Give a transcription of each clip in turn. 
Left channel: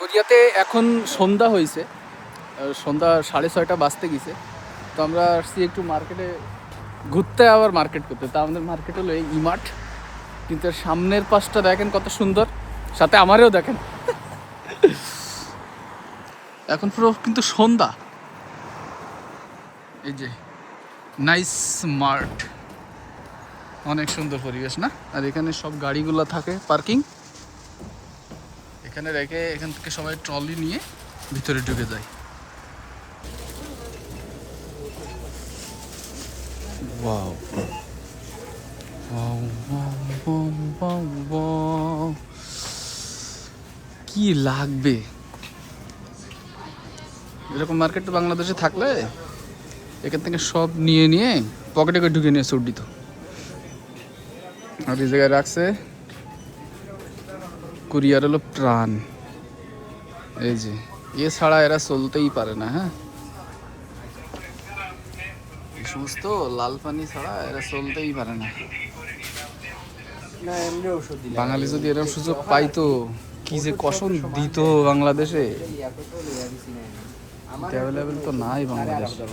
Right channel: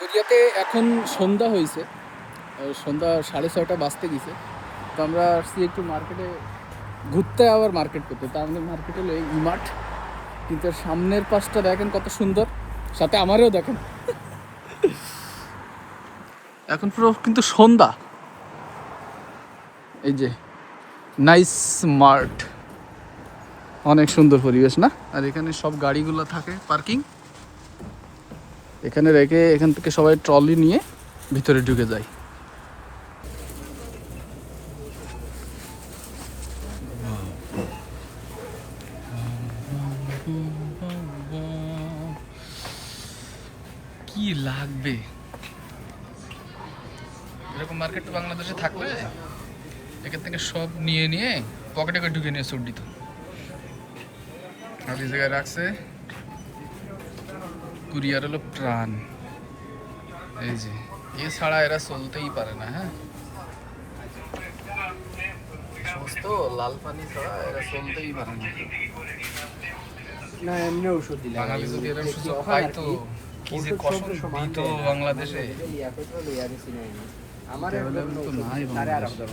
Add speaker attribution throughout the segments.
Speaker 1: কোরিয়াতে এখন সন্ধ্যা হয়েছে সন্ধ্যা সাড়ে ছয়টা বাজতে গেছে। তো আমরা আসছি একটু মার্কেটে ঘুরতে আবার মার্কেট করতে। তা আমাদের মার্কেট হলো এই ইমার্ট কিন্তু সামনের পাশটা দেখেন কত সুন্দর। সাথে আমারও দেখেন। এখন পুরো কিন্তু সন্ধ্যা। এই যে নাইস মার্ট অনেক সুন্দর পরিবেশ না? আর এখানে সব গাড়িগুলো থাকে পার্কিং এখানে রেখে এখান থেকে সবাই ট্রলি নিয়ে ভিতরে ঢুকে যায়. কি লাগবে? এরকম মার্কেট বাংলাদেশে থাকলে এখান থেকে সব নিয়ে নিয়ে পকেটে করে ঢুকে নিয়ে সুট দিত আর এই জায়গায় রাখছে কুরিয়ার হলো প্রাণ। এই যে, এছাড়া এরা চলতেই পারে না হ্যাঁ? সমস্ত লাল পানি ছাড়া এরা চলতেই পারে না। বাঙালি যদি এরা সুযোগ পাইতো, কি যে কসম দিত বাংলাদেশে? অ্যাভেলেবেল তো নাই বাংলাদেশে।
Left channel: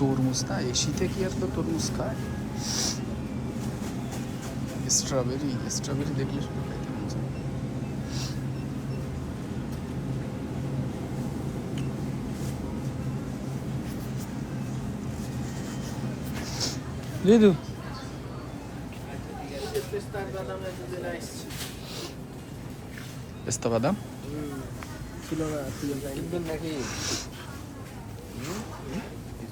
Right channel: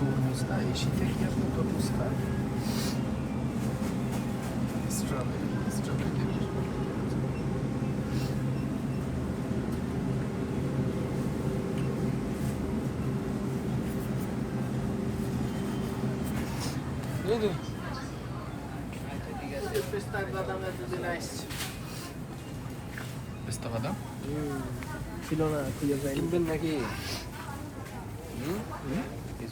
Speaker 1: Durmuzda eşite fiyatlı durmuzda. Strawberry,
Speaker 2: strawberry de bir. Did you? Pesta tá
Speaker 1: badam hum,
Speaker 2: is really nice. Pesta badam? Hum? Hmm. Hmm.